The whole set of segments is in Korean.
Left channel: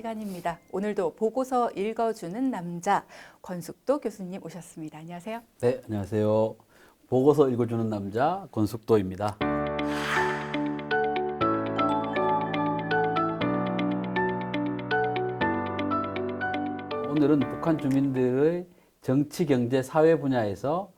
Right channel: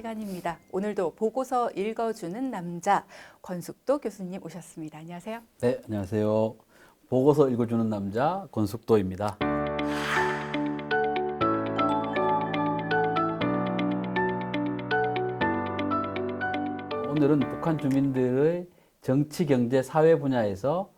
시간입니다. 오늘도 보고서 읽어주는 남자 권숙도 교수님 오셨습니다. 안녕하세요. 네, 안녕하세요. 보고서 읽어주는 남자 권숙도입니다. 오늘은 북한 주민들의 정치, 경제, 사회 분야에서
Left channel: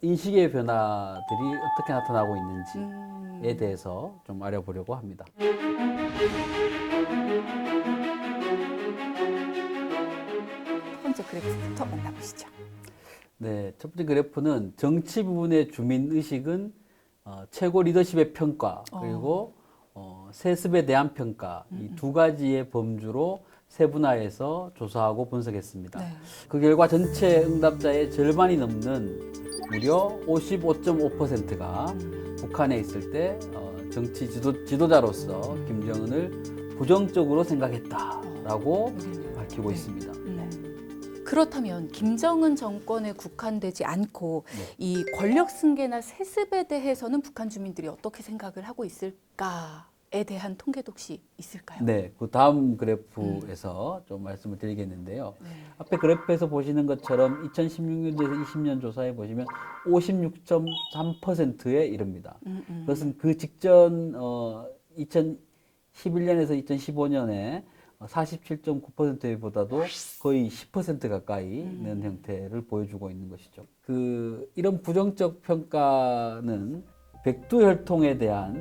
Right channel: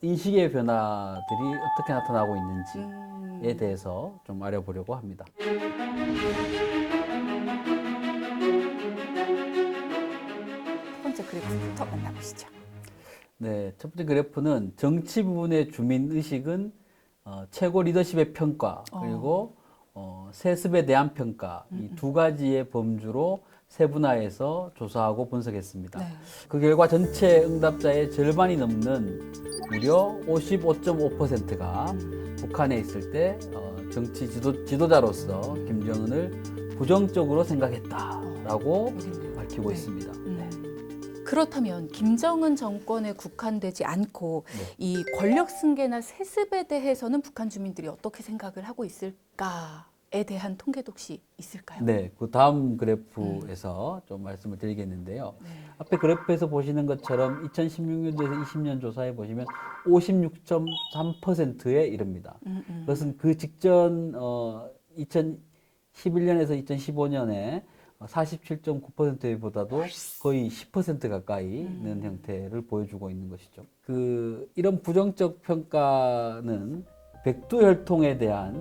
인식의 변화들이 어떻게 나타나고 있는지에 대해서 좀 알아보려고 합니다. 네, 첫 번째 그래프는 정치 부분의 주민의식은 최고 리더십의 평가, 그리고 세습에 대한 평가, 이 두 가지의 범주로 세분화해서 조사하고 분석했습니다. 그 결과 전체 응답자의 절반이 넘는 무려 55.5%가 북한에 있을 때 정치 지도자로서 김정은을 부정적으로 생각했다라고 밝히고 있습니다. 네. 그렇다면 김정은 정권에 국한되지 않고 네. 이 권력 승계나 세습에 대해서는 북한 주민들이 어떻게 생각을 하고 있을까에 대한 통계도 있을까요? 네, 그 다음 그래프에서 좀 말씀을 드리겠는데요. 앞에 그래프에서 보시는 것처럼 2016년도에서 20년 조사해 보시면 56.3%에 이릅니다. 그것은 그 직전 2011년에서 2015년에 47.9%보다도 거의 10% 가까이는 형태를 보여주고 있는 것이죠. 이런 부정적 평가는 백두혈통에 대한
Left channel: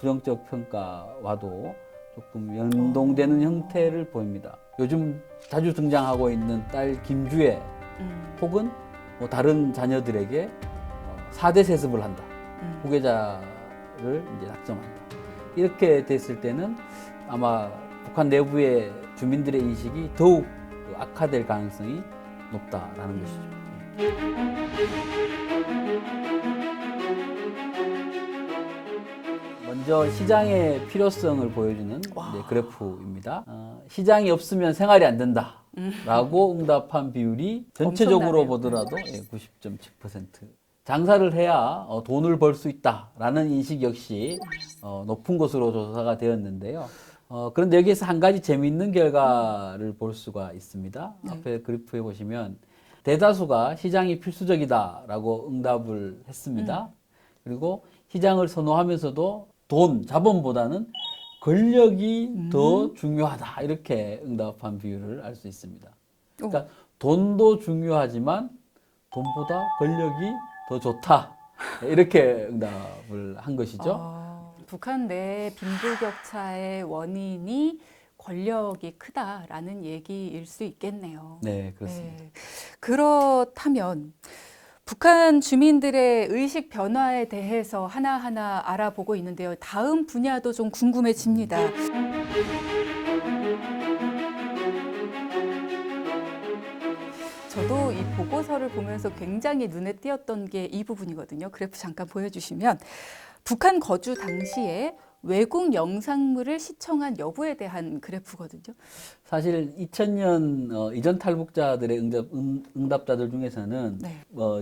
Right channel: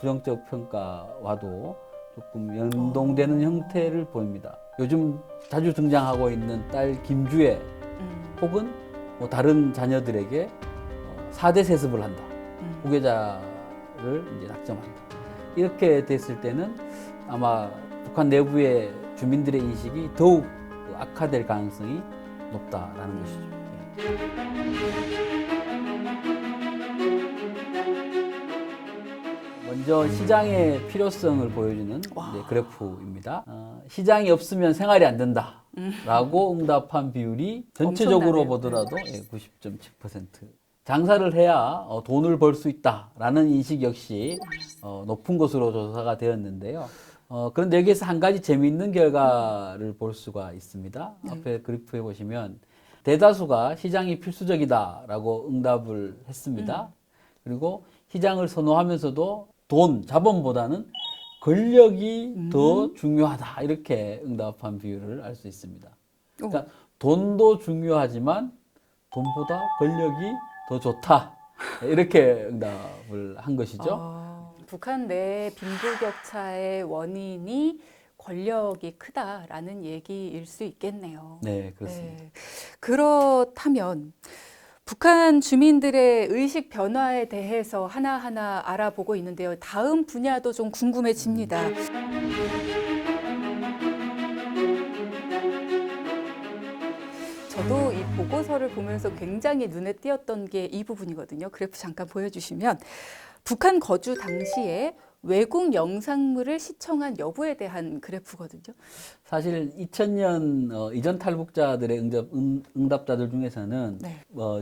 부정적 평가와도 조금 연동되는 형태를 보입니다. 요즘 자주 등장하고 있는 딸 김주애 혹은 뭐 다른 자녀들에게 4대 세습을 한다. 후계자를 이제 낙점한다. 이렇게 됐을 때는 아마 북한 내부의 주민들의 인식이 더욱 악화될 가능성이 높다라는 것이죠. 먼저 시장의 필요성을 보여주는 그래프입니다. 시장이 없으면 생활이 안 된다 라고 응답한 비율이 전체적으로 보더라도 90.7%. 장사를 해야 돈을 벌 수 있다라는 인식 역시 높은 것으로 조사가 되었는데요. 그런데 여기에서 한 가지 재미있는 결과를 볼 수가 있습니다. 앞에 그래프에 보시면 대다수가 시장이 필수적이다라고 응답을 했습니다. 그리고 시장을 선호하면서도 자본보다는 권력이 더 중요하다 이렇게 응답한 비율을 알 수 있습니다. 그러니까 돈도 중요하지만 돈보다 권력이 더 좋다 이렇게 응답을 한 것이죠. 북한 내 빈부격차의 원인이 권력이 크다라는 얘기일 수 있겠네요. 네, 그렇습니다. 네. 그렇다면 북한 주민들의 의식 변화에 대해서 하나하나 알아보고 있는데요. 다음 분야도 좀 궁금해집니다. 보고서를 보면서 굉장히 눈에 띄었던 게 이 부분이거든요. 그래프 잠깐 보여주시면 북한 거주 당시에 외국 영상물을 시청한 여부에 대한 그래프거든요. 사실 2000년 이전 탈북자들의 응답자들 중에서는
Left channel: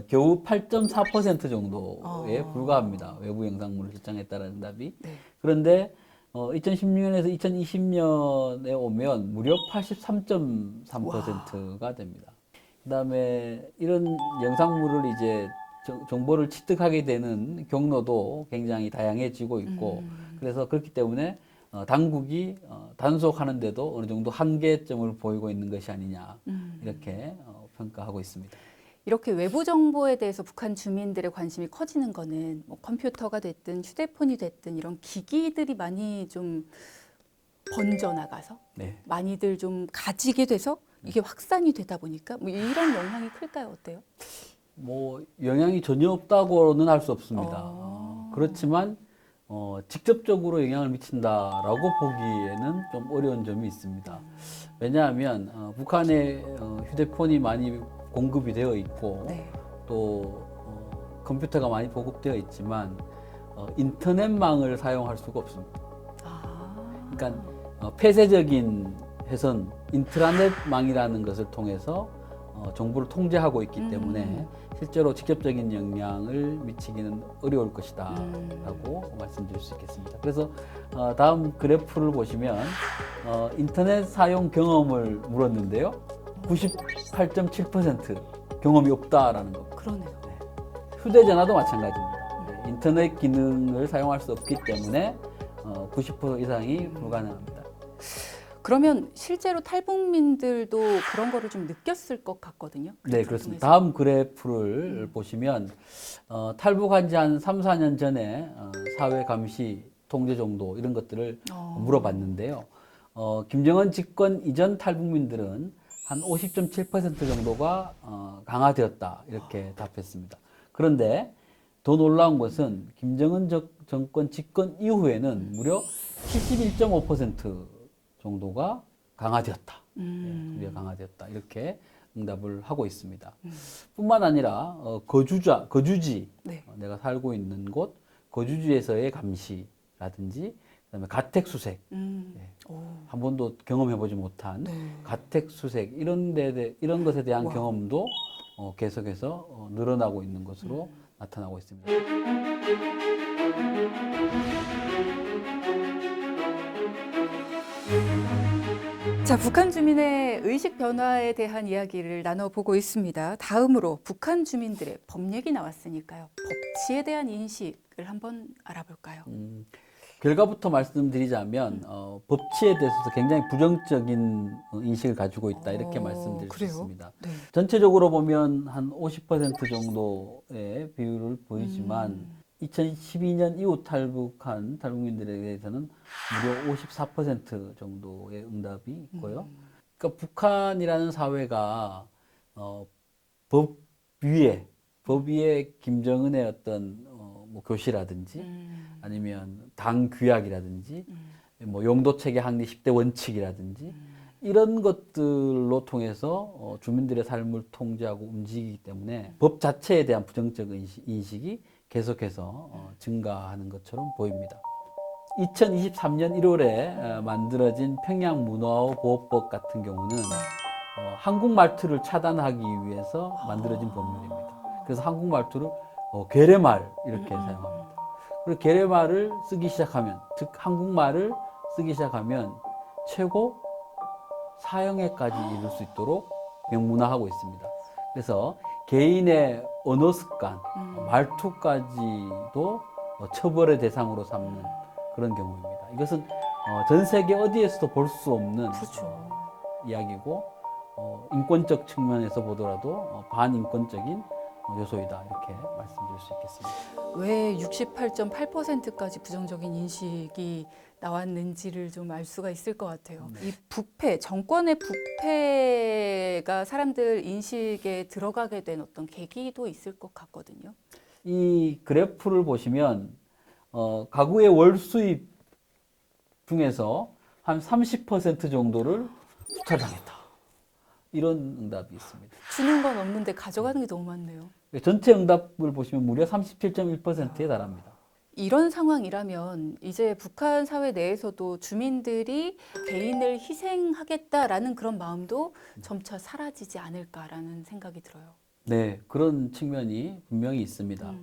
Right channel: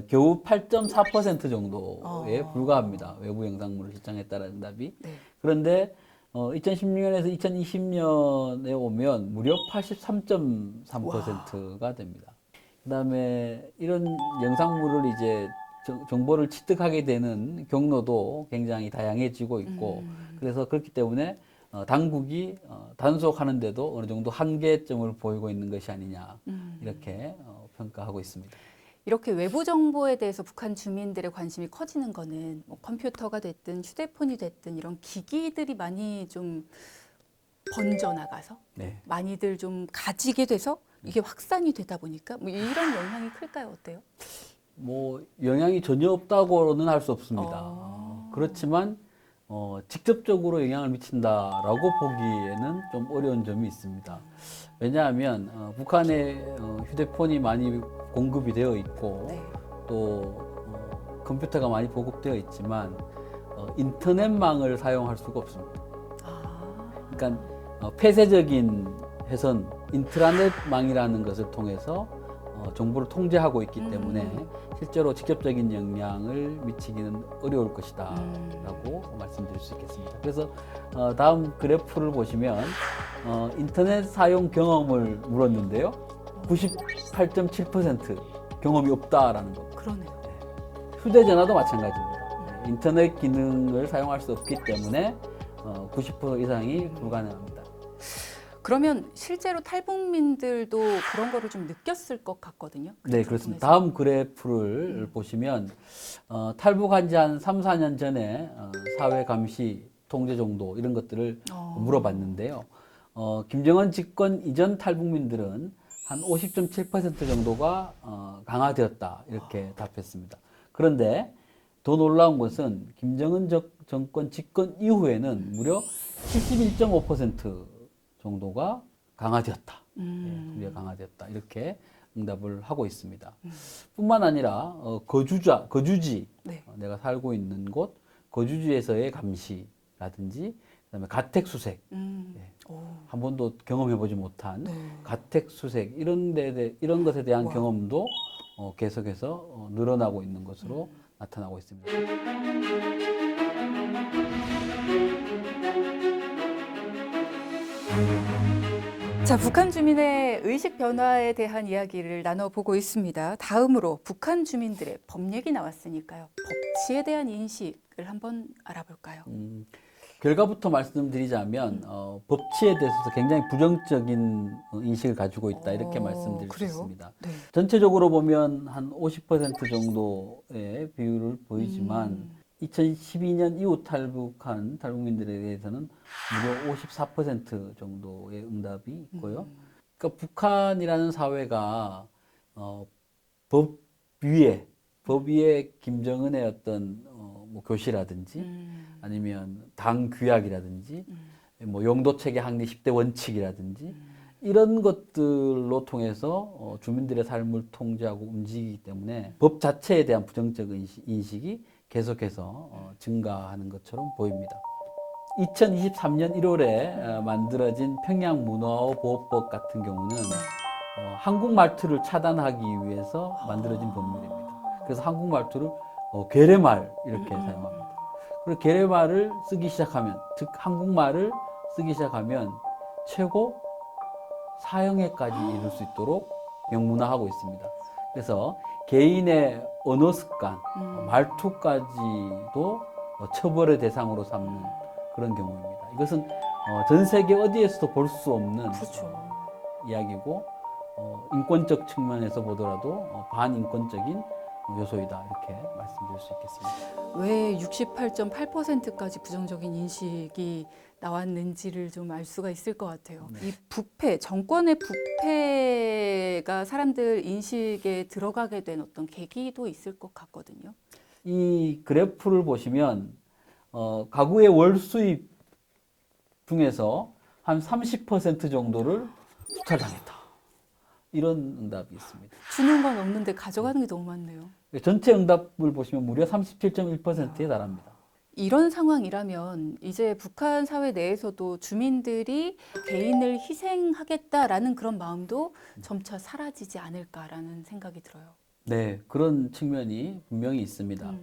겨우 8.4% 정도에 불과합니다. 외부 영상물을 시청했다는 응답이. 그런데 2016년에서 2020년에 오면 무려 83.3%가 됩니다. 그다음에 이런 영상물을 이제 정보를 취득하게 되는 경로도 굉장히 다양해지고 있고, 그래서 그렇기 때문에 당국이 단속하는데도 어느 정도 한계점을 보이고 있는 것이 아니냐 이렇게 평가하고 있습니다. 이렇게 외부 정보에 대해서 북한 주민들의 관심이 커지는 거는 뭐 컴퓨터가 됐든 휴대폰이 됐든 이런 기기들이 많이 좀 번져나가서 네. 많이들 좀 가지게 돼서 네. 이게 확산이 되다 보니까 이런 영향이 클까요? 어때요? 뭐 영향이 전혀 없다고는 할 수 없습니다. 그렇지만 직접적으로 영향을 미친다라고 보기에는 좀 어려운 점이 있습니다. 왜냐하면 북한에 휴대폰이 많이 공급이 되어 있고 또 컴퓨터가 많이 보급되어 있지만 인터넷망을 사용할 수가 없습니다. 그러니까 폐쇄적인 회선 인트라넷망이라는 것을 통해서 정보를 통제하고 있기 때문에 실제로 직접적인 영향을 미치기는 어려울 것이다 라고 말씀드릴 수 있겠습니다. 그래서 다음 그래프를 보시면 인터넷 사용 경험을 물었는데요. 98.7% 경험이 없다라는 겁니다. 네. 휴대전화도 마찬가지입니다. 네. 인터넷 기능을 사용할 수 없기 때문에 90% 이상이 불가능합니다. 그러면 실제로 탈북민들도 그런 거를 좀 느꼈을 것 같거든요. 네, 그렇습니다. 다음 그래프를 보시면 탈북한 지 한 3, 4년 전에 사회 감시, 통제 정도 이런 것들을 물어봤는데요. 김정은 집권 이전 탈북민들은 한 50.7% 정도가 강화되었다 이렇게 답했습니다. 그런데 더 놀라운 것은 김정은 정권 집권 이후에는 무려 71.5% 정도가 강화되었다. 예, 통제가 강화되었다. 이렇게 응답을 하고 있습니다. 뿐만 아니라 거주지, 내가 살고 있는 곳, 거주지에서의 감시라든지 그다음에 가택수색, 예, 한 번도 경험해보지 못한 가택수색 이런 것에 대한 경험도 계속해서 늘어나고 있는 것으로 나타나고 있습니다. 북한 주민의 의식 변화에 대한 이야기를 나눠보고 있습니다. 다음으로 북한 주민들의 법 얘기 나왔으니까요. 지에 대한 인식을 한번 알아볼까요? 결과부터 말씀드리자면 법치에 대해서 굉장히 부정적인 인식을 가지고 있다 이렇게 말씀드릴 수 있습니다. 전체적으로 보면 한 50% 정도의 비율을 보이지만 2012년 이후 탈북한 탈북민들에 대해서는 무려 54% 정도의 응답이 있고요. 그러니까 북한이라는 사회가 법 법 위에 김정은의 어떤 뭐 교시라든지 아니면 당 규약이라든지 뭐 용도 체계 확립 10대 원칙이라든지 이런 것들로 통해서 주민들의 삶을 통제하고 움직이기 때문에 법 자체에 대한 부정적 인식이 계속해서 증가하는 것처럼 보입니다. 2023년 1월에 만들어진 평양문화보호법 같은 경우는 한국 말투를 차단하기 위해서 만들어진 법률입니다. 그래서 한국 말투를 괴뢰말 이렇게 사용합니다. 그리고 괴뢰말을 쓰기 시작하면, 즉 한국말을 쓰기 시작하면 최고 사형에까지 이를 수 있도록 명문화하고 있습니다. 그래서 개인의 언어 습관, 말투까지도 처벌의 대상으로 삼는 그런 경우입니다. 이것은 전 세계 어디에서도 볼 수 없는 이야기고 인권적 측면에서 보더라도 반인권적인 요소이다 이렇게 말씀드릴 수 있겠습니다. 왜 68.8%까지 부정적인 인식이 나왔는지를 좀 알 수가 있을 것 같아요. 네. 정권의 부패가 사람들 인식에 들어가게 된 어떤 계기도 있을 것 같거든요. 이 그래프를 보시면 가구의 월 수입 중에서 한 30% 정도를 수탈당했다. 이런 응답이 있습니다. 주는 건 없는데 가져가는 게 너무 많네요. 전체 응답을 보시면 무려 37.1%에 달합니다. 이런 상황이라면 이제 북한 사회 내에서도 주민들이 개인을 희생하겠다라는 그런 마음도 점차 사라지지 않을까라는 생각이 들어요. 네, 그런 측면이 분명히 있습니다.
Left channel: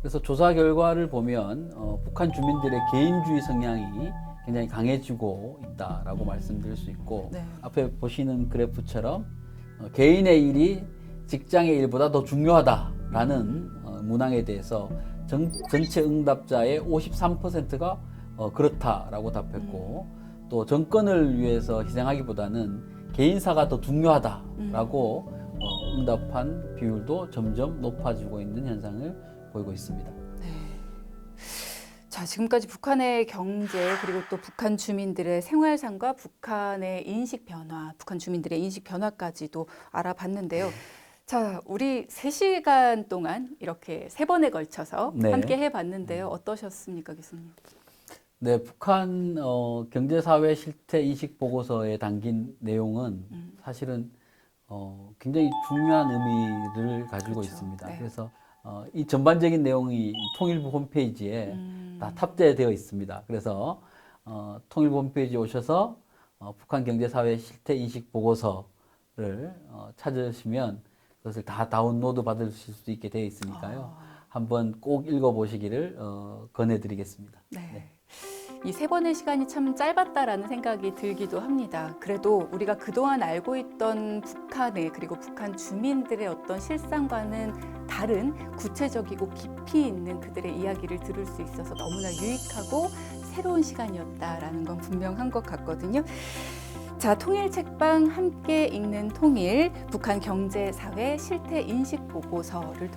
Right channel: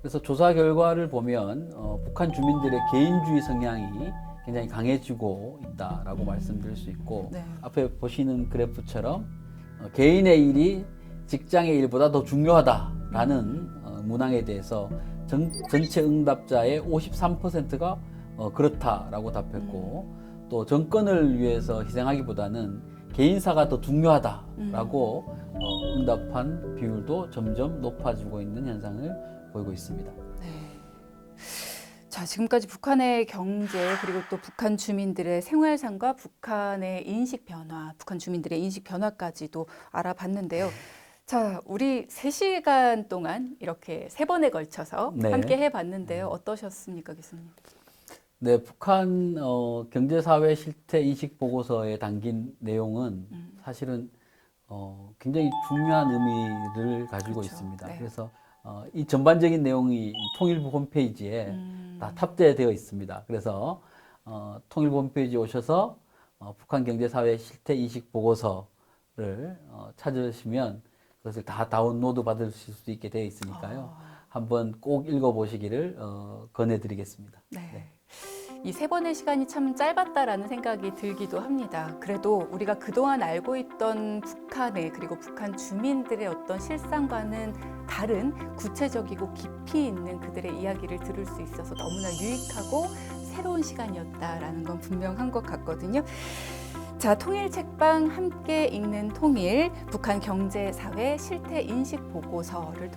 그래서 조사 결과를 보면 북한 주민들의 개인주의 성향이 굉장히 강해지고 있다라고 말씀드릴 수 있고 앞에 보시는 그래프처럼 개인의 일이 직장의 일보다 더 중요하다라는 문항에 대해서 전체 응답자의 53%가 그렇다라고 답했고 또 정권을 위해서 희생하기보다는 개인사가 더 중요하다라고 응답한 비율도 점점 높아지고 있는 현상을 보이고 있습니다. 자, 지금까지 북한의 경제 그리고 또 북한 주민들의 생활상과 북한의 인식 변화, 북한 주민들의 인식 변화까지도 알아봤는데요. 네. 자, 우리 3시간 동안 이렇게 3번에 걸쳐서 네. 함께 해봤는데요. 어떠셨습니까? 네, 북한 경제사회 실태 인식 보고서에 담긴 내용은 사실은 굉장히 중요한 의미를 가지고 있습니다. 그래서 이 전반적인 내용이 통일부 홈페이지에 다 탑재되어 있습니다. 그래서 통일부 홈페이지에 오셔서 북한 경제사회 실태 인식 보고서를 찾으시면 그것을 다 다운로드 받으실 수 있게 되어 있으니까요. 한번 꼭 읽어보시기를 권해드리겠습니다. 네. 이 세 번의 시간이 참 짧았다라는 생각이 들기도 합니다. 그래도 우리가 그동안 알고 있던 북한의 그리고 북한 주민들의 어떤 실상과는 다른 구체적이고 깊이 있는 것들의 이야기를 들을 수 있어서 새로운 시간이었다라는 걸 분명한 것 같거든요. 자, 통일 책방 함께 읽는 통일, 북한 경제, 사회, 실태, 인식 보고서를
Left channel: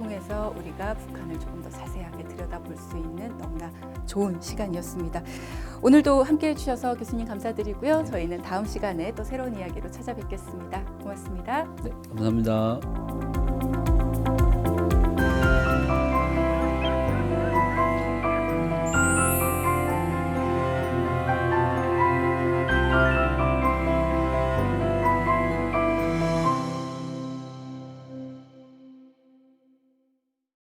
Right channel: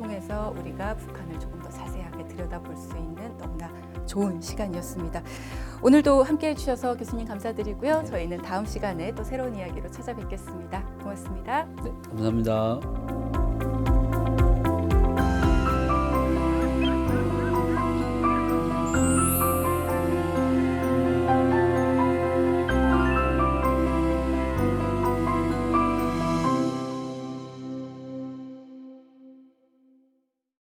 통해서 우리가 좋은 시간이었습니다. 오늘도 함께 해주셔서 교수님 감사드리고요. 저희는 다음 시간에 또 새로운 이야기를 찾아뵙겠습니다. 고맙습니다. 네, 감사합니다.